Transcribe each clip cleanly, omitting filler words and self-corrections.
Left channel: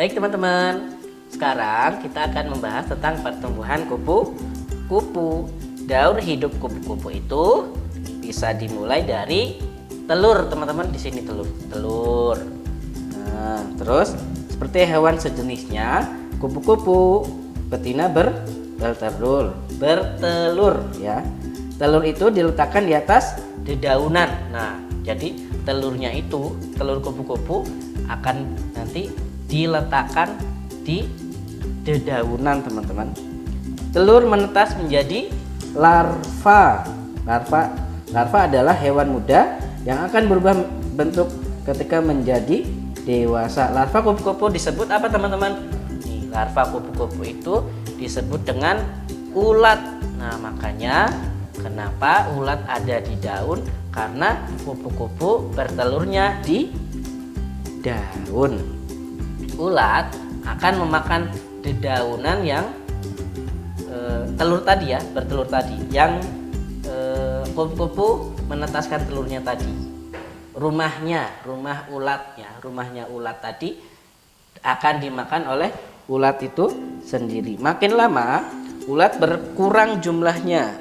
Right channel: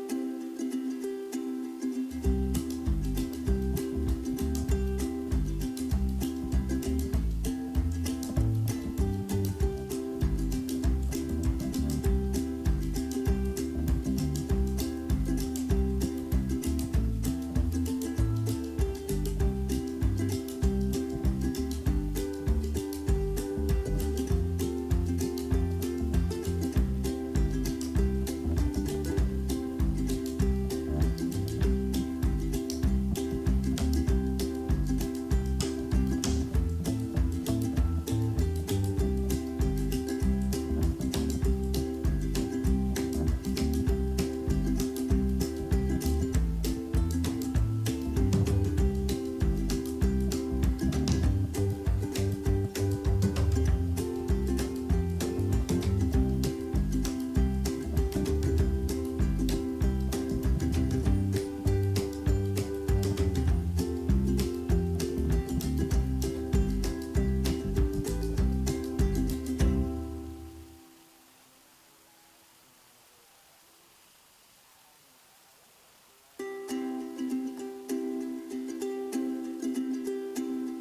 Baik teman-teman, sekarang kita akan membahas tentang pertumbuhan kupu-kupu. Daur hidup kupu-kupu itu bisa dimulai dari telur, teman-teman. Di sini telur. Nah, terus seperti hewan sejenisnya, kupu-kupu betina bertelur ya. Telur itu diletakkan di atas dedaunan. Nah, jadi telur kupu-kupu akan nanti diletakkan di dedaunan, teman-teman. Telur menetas menjadi larva. Larva adalah hewan muda yang akan berubah bentuk ketika menjadi dewasa. Larva kupu-kupu disebut apa, teman-teman? Larva kupu-kupu itu disebut dengan ulat. Nah, makanya kenapa ulat ada di daun? Karena kupu-kupu bertelurnya di daun. Ulat akan memakan dedaunan yang bertelur tadi, yang kupu-kupu menetaskan telurnya tadi. Rumahnya ulat tadi akan dimakan oleh ulat itu sendiri. Makin lama ulat berkurang jumlahnya.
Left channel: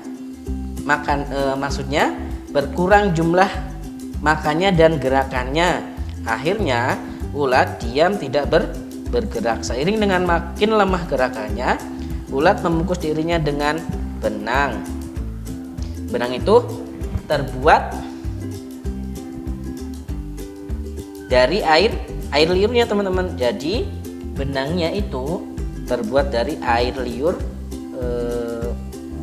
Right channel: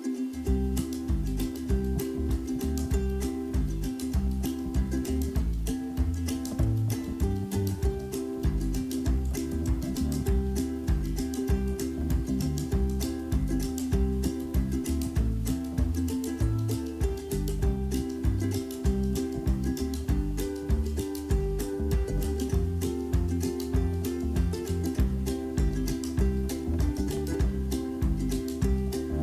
Maksudnya berkurang jumlah makannya dan gerakannya. Akhirnya ulat diam tidak bergerak. Seiring dengan makin lemah gerakannya, ulat membungkus dirinya dengan benang. Benang itu terbuat dari air liurnya, teman-teman. Jadi benangnya itu terbuat dari air liur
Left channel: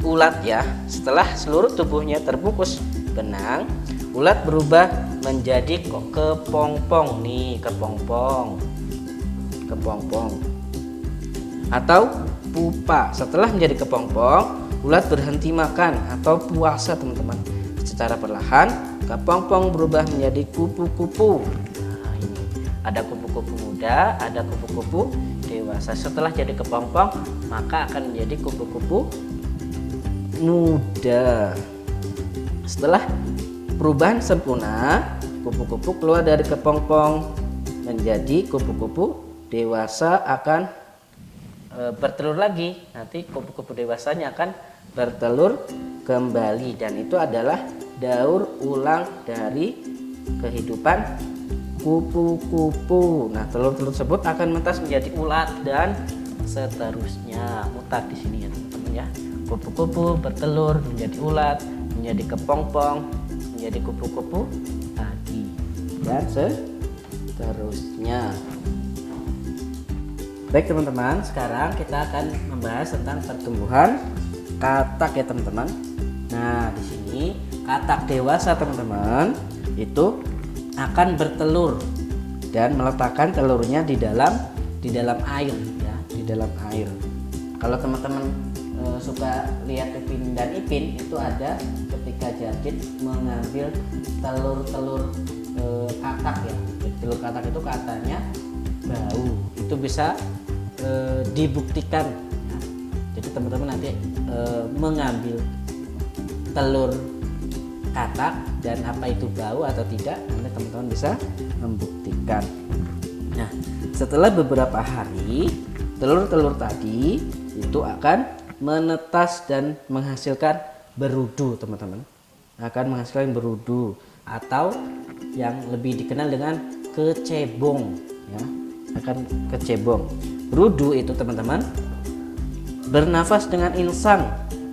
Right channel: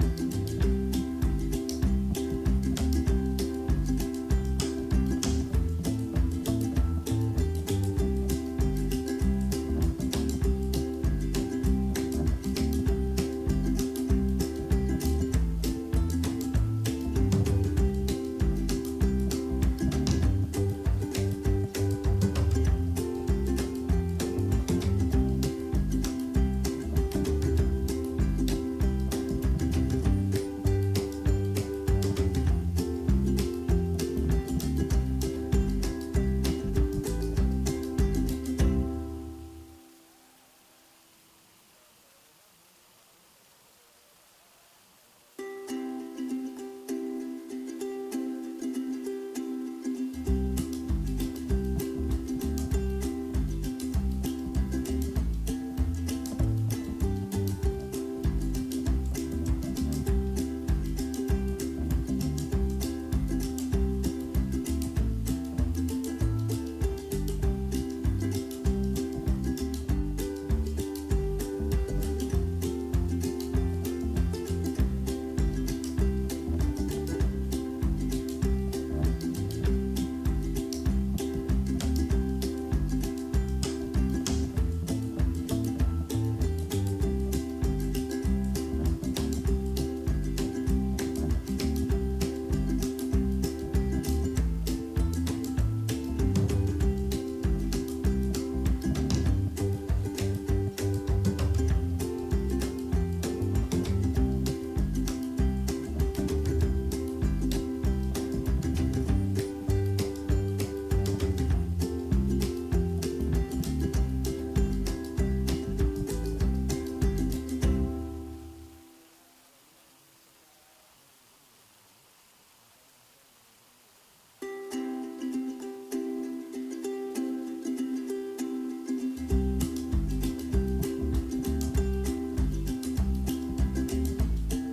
ulat ya. Setelah seluruh tubuhnya terbungkus benang, ulat berubah menjadi kepompong atau pupa. Setelah menjadi kepompong, ulat berhenti makan atau puasa, teman-teman. Secara perlahan kepompong berubah menjadi kupu-kupu. Ada kupu-kupu muda, ada kupu-kupu dewasa. Setelah jadi kepompong, maka akan menjadi kupu-kupu muda. Setelah perubahan sempurna, kupu-kupu keluar dari kepompong menjadi kupu-kupu dewasa, akan bertelur lagi. Nanti kupu-kupu dewasanya akan bertelur kembali, dan itu adalah daur ulang dari kehidupan kupu-kupu. Nah, telur-telur tersebut akan menetas menjadi ulat dan seterusnya. Mutat di sini ya, teman-teman ya. Kupu-kupu bertelur menjadi ulat, menjadi kepompong, menjadi kupu-kupu tadi, dan seterusnya. Baik teman-teman, sekarang kita akan membahas tentang pertumbuhan katak ya, teman-teman. Nah, di sini katak dewasa, teman-teman, itu akan bertelur dan meletakkan telurnya di dalam air ya, di dalam air. Kalau teman-teman suka lihat Upin dan Ipin, itu ada ketika Jadid mengambil telur katak ya. Telur katak itu katanya bau. Itu bisa dibuktikan. Jadi teman-teman nanti mengambil telur katak dan apa itu bau atau tidak, nanti teman-teman bisa membuktikan. Nah, setelah beberapa hari, telur-telur tadi itu akan menetas dan menghasilkan berudu, teman-teman. Akan menghasilkan berudu atau yang lebih dikenal dengan kecebong ya. Akan kecebong. Berudu itu, teman-teman, bernafas dengan insang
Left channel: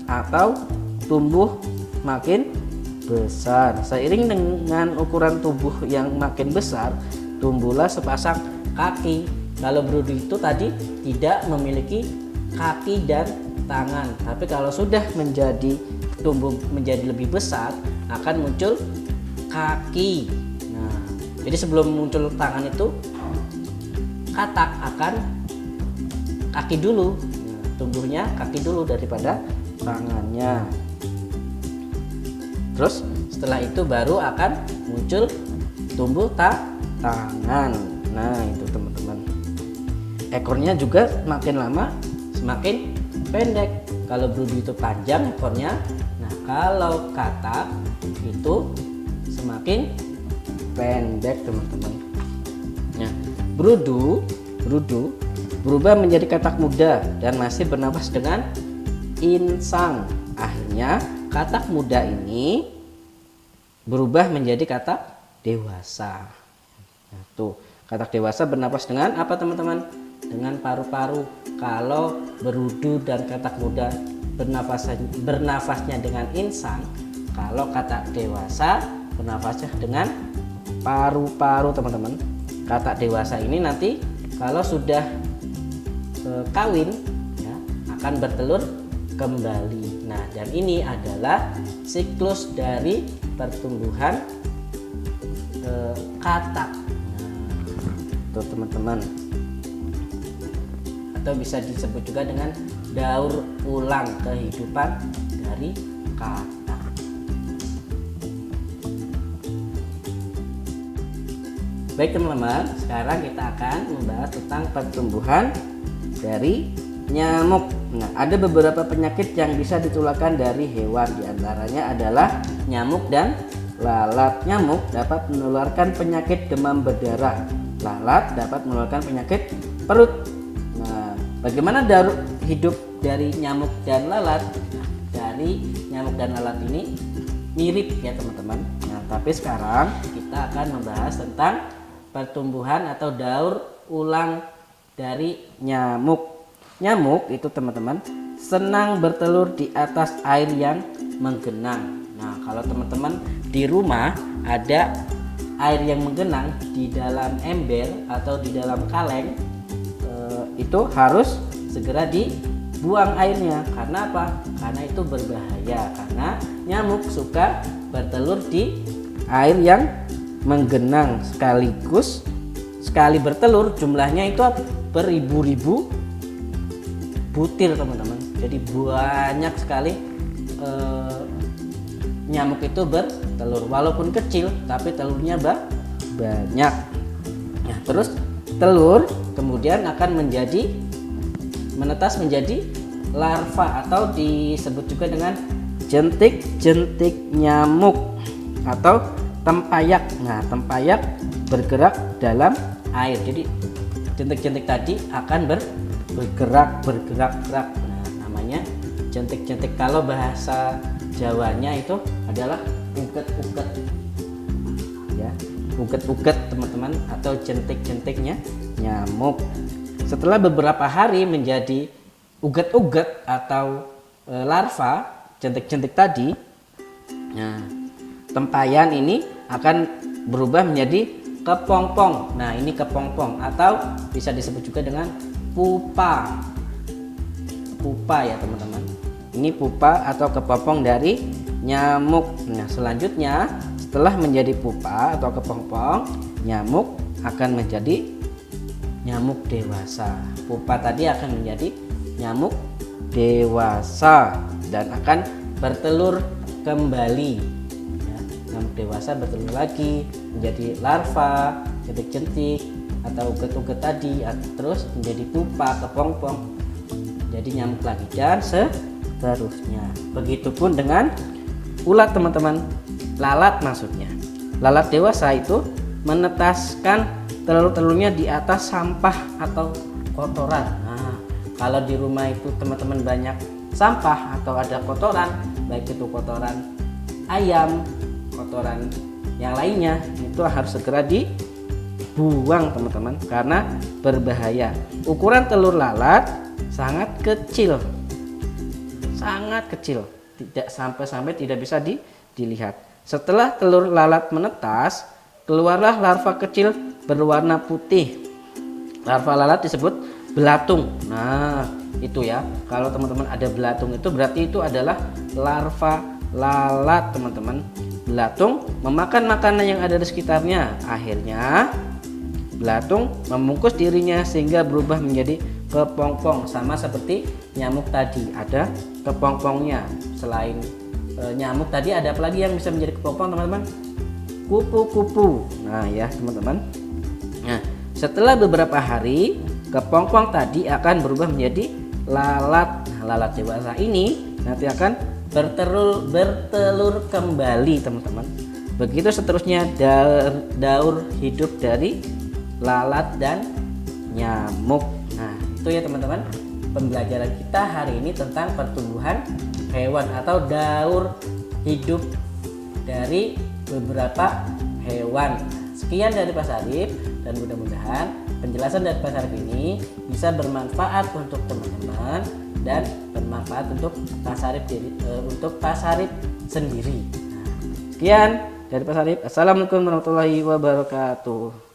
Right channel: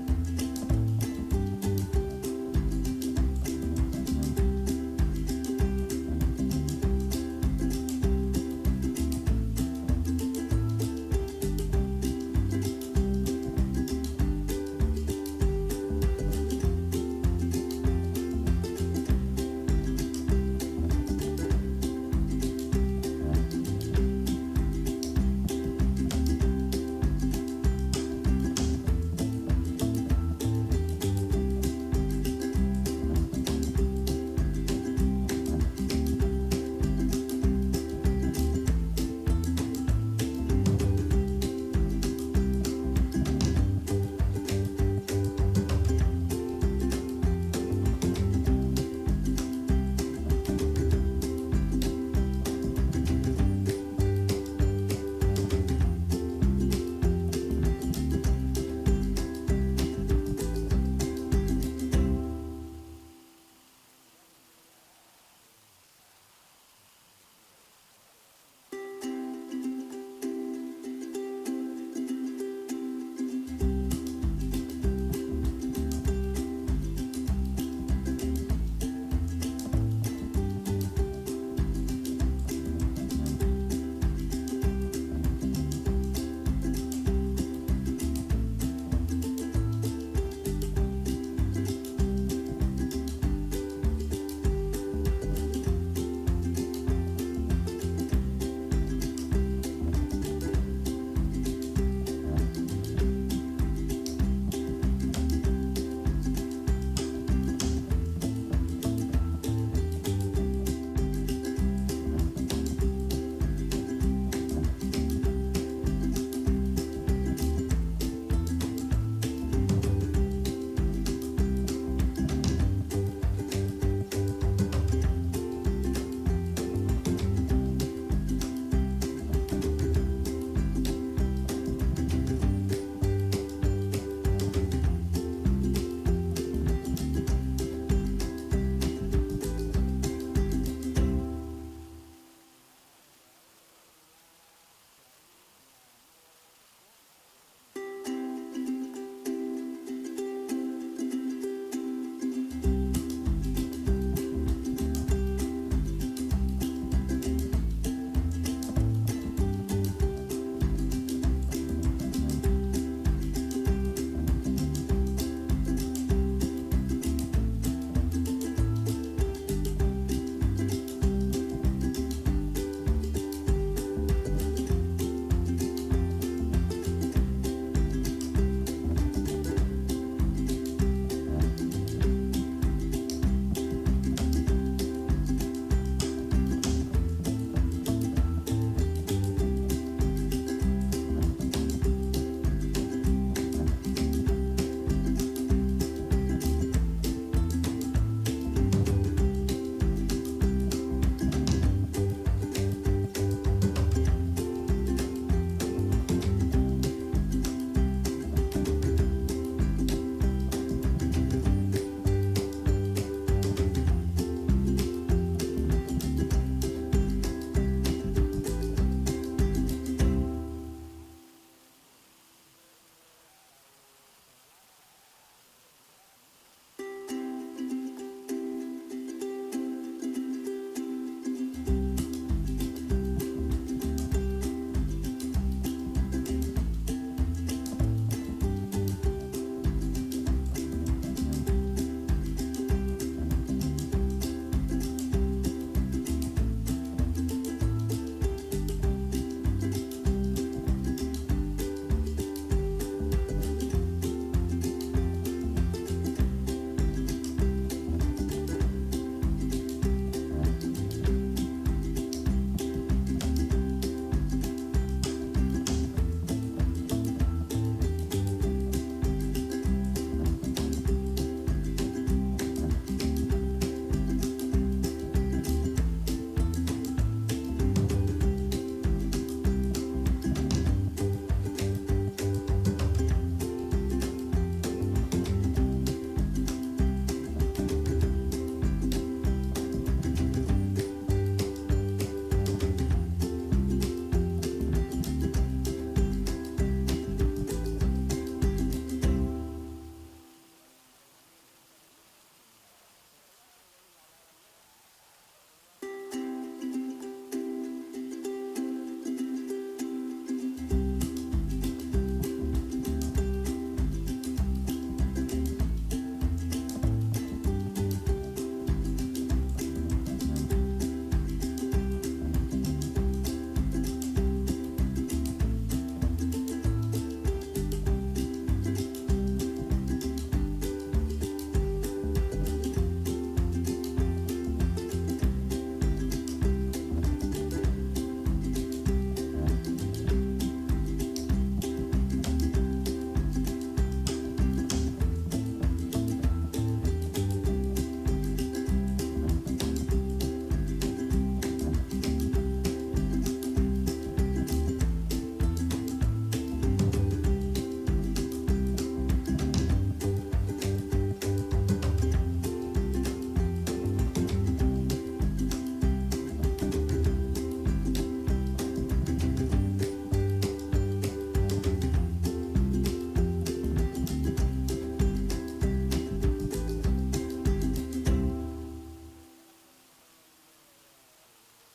atau tumbuh makin besar. Seiring dengan ukuran tubuh yang makin besar, tumbuhlah sepasang kaki. Kalau berudu itu tadi tidak memiliki kaki dan tangan, tapi kalau sudah tumbuh menjadi lebih besar, akan muncul kaki. Nah, jadi sebelum muncul tangan itu, katak akan kaki dulu, tumbuhnya kaki dulu daripada tangannya. Terus setelah itu baru akan muncul tumbuh tangan. Nah, itu teman-teman. Ekornya juga makin lama semakin pendek. Kalau berudu itu panjang ekornya. Nah, kalau katak itu semakin pendek, teman-teman. Nah, berudu berubah menjadi katak muda dan masih bernapas dengan insang. Akhirnya katak muda ini berubah menjadi katak dewasa. Nah, tuh, katak dewasa bernapas dengan apa teman-teman? Dengan paru-paru. Kalau berudu dan katak muda bernafasnya dengan insang, kalau katak dewasa bernafasnya dengan paru-paru teman-teman. Katak dewasa ini nanti kalau sudah kawin ya, akan bertelur kembali. Nah, dan ini adalah siklus dari pertumbuhan katak. Tuh teman-teman. Atau bisa disebut juga dengan daur ulang kehidupan dari katak. Baik teman-teman, sekarang kita akan membahas tentang pertumbuhan dari nyamuk. Nah, ada beberapa penyakit yang bisa ditularkan dari hewan, diantaranya adalah nyamuk dan lalat. Nyamuk dapat menularkan penyakit demam berdarah. Lalat dapat menularkan penyakit perut. Nah, bagaimana daur hidup dari nyamuk dan lalat? Dari nyamuk dan lalat ini mirip ya teman-teman. Nah, tapi sekarang kita akan membahas tentang pertumbuhan atau daur ulang dari nyamuk. Nyamuk itu teman-teman senang bertelur di atas air yang menggenang. Nah, kalau teman-teman di rumah ada air yang menggenang di dalam ember atau di dalam kaleng, itu harus segera dibuang airnya. Karena apa? Karena itu berbahaya. Karena nyamuk suka bertelur di air yang menggenang, sekaligus sekali bertelur jumlahnya itu beribu-ribu butir teman-teman. Jadi banyak sekali nyamuk itu bertelur, walaupun kecil tapi telurnya banyak. Nah, terus telur kemudian akan menetas menjadi larva atau disebut juga dengan jentik-jentik nyamuk atau tempayak. Nah, tempayak bergerak dalam air. Jadi jentik-jentik tadi akan bergerak. Nah, namanya jentik-jentik. Kalau bahasa Jawanya itu adalah buket-buket. Ya, buket-buket teman-teman, atau jentik-jentiknya nyamuk. Setelah beberapa hari menjadi uget-uget atau larva jentik-jentik tadi. Nah, tempayan ini akan berubah menjadi kepompong. Nah, ini kepompong atau bisa disebut juga dengan pupa. Pupa ya teman-teman. Ini pupa atau kepompong dari nyamuk. Nah, selanjutnya setelah menjadi pupa atau kepompong, nyamuk akan menjadi nyamuk dewasa. Pupa tadi akan menjadi nyamuk dewasa dan akan bertelur kembali. Nyamuk dewasa bertelur lagi menjadi larva, jentik-jentik atau uget-uget tadi, terus menjadi pupa, kepompong, jadi nyamuk lagi dan seterusnya. Begitupun dengan ulat teman-teman, lalat maksudnya. Lalat dewasa itu menetaskan telur-telurnya di atas sampah atau kotoran. Nah, kalau di rumah itu teman-teman banyak sampah atau ada kotoran, baik itu kotoran ayam, kotoran yang lainnya, itu harus segera dibuang teman-teman karena berbahaya. Ukuran telur lalat sangat kecil, tidak sampai tidak bisa dilihat. Setelah telur lalat menetas, keluarlah larva kecil berwarna putih. Larva lalat disebut belatung. Nah, itu ya. Kalau teman-teman ada belatung itu berarti itu adalah larva lalat, teman-teman. Belatung memakan makanan yang ada di sekitarnya. Akhirnya belatung membungkus dirinya sehingga berubah menjadi kepompong, sama seperti nyamuk tadi ada kepompongnya. Selain nyamuk tadi ada apa lagi yang bisa menjadi kepompong teman-teman? Kupu-kupu. Nah ya teman-teman. Nah, setelah beberapa hari kepompong tadi akan berubah menjadi lalat. Nah, lalat dewasa ini nanti akan bertelur kembali teman-teman. Begitu seterusnya daur hidup dari lalat dan nyamuk. Nah, Itu ya teman-teman, pembelajaran kita hari ini tentang pertumbuhan hewan atau daur hidup dari beberapa hewan. Sekian dari Pak Sarip, dan mudah-mudahan penjelasan dari Pak Sarip ini bisa bermanfaat untuk teman-teman dan bermanfaat untuk Pak Sarip sendiri. Sekian dari Pak Sarip. Assalamualaikum warahmatullahi wabarakatuh.